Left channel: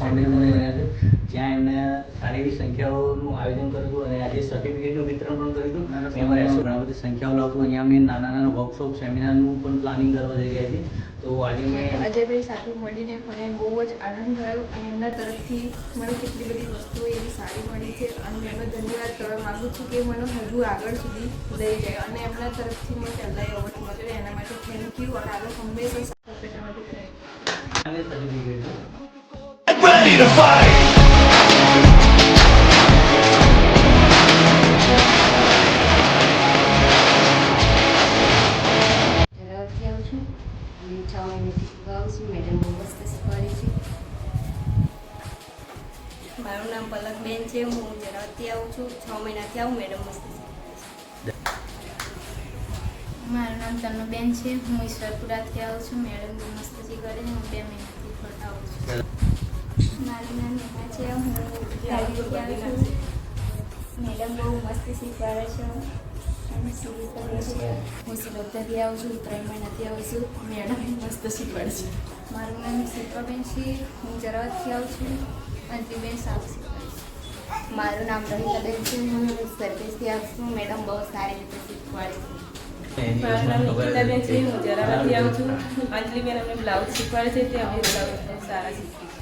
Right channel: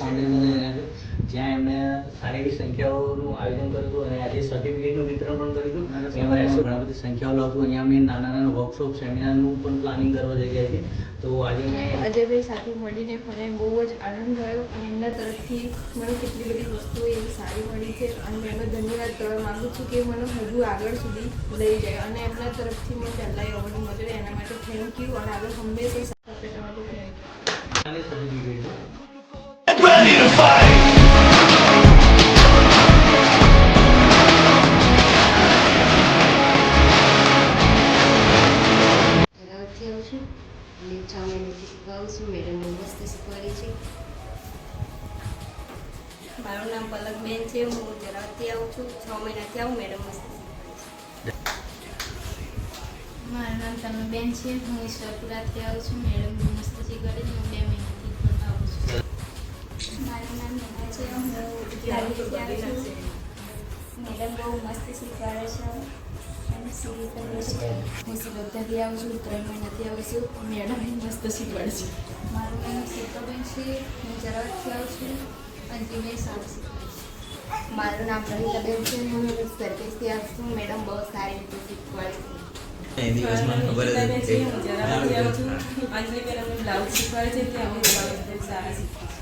Foundation જ્યાં એમને સારી એવી સંખ્યાઓનું આયોજન કર્યું હતું અને આજે સર્ટિફિકેટનું વિતરણ પણ કર્યું હતું. એમાં ઘણા બધી સંખ્યાઓ લાવતું અહીંયા મેં નાના નાના વર્કશોપ સેમિનારનું પણ પ્લાનિંગ કરવા જઈ રહ્યા છીએ. તો આજે મેં અજયભાઈ સાથે મળીને મને બહુ જ આનંદ થયો અને એમના તરફથી મને કેટલી બધી વસ્તુઓ એવી સારી મળી છે અને એનો ધન્યવાદ કરવા માગું છું કે મને હજુ આગળ સુધી લઈ જાય અને એમના તરફથી મને પહેલાં એવોર્ડ મળ્યો એના માટે થેન્ક યુ અને આગળ હંમેશા સાથ આપવા માટે સર્ટિફિકેટ Ready to fight! ધરાવતી આવું છું અને 6 મહિનાથી શીખવાડું છું. મેડમને મસ્ત શીખવાડી છે. મારું નામ પલકબેન છે. હું ધરાવતી આવું છું. 6 મહિનાથી આવું. મેડમ મસ્ત શીખવાડે છે. મારું નામ તનુબેન છે. હું ઈશ્વરપુરાથી આવું છું. મેડમ મસ્ત શીખવાડે છે. હું 2 મહિનાથી કરતા આવું છું. મારું નામ નેહા છે. હું લાઈબ્રેરીથી આવું છું. મેડમ બહુ મસ્ત શીખવાડે છે અને સીધી કરે છે. હું સુરતથી આવું છું. 3 મહિનાથી આવું છું. મેડમ મસ્ત શીખવાડે છે. મારું નામ શિલ્પાબેન છે. હું જરાવતથી આવું છું. અંતિમભાઈ સારું શીખવાડે છે. મારું નામ રવિકાબેન છે. હું સર્વિસથી આવું છું. મેડમ બહુ સારી રીતે શીખવાડે છે. મારું નામ નિકિતાબેન છે. હું જરાવતથી આવું છું. અંજલિબેન અમને બ્લાઉઝ શીખવાડે છે. તે અમે બ્લાઉઝ બહુ સારા શીખીએ.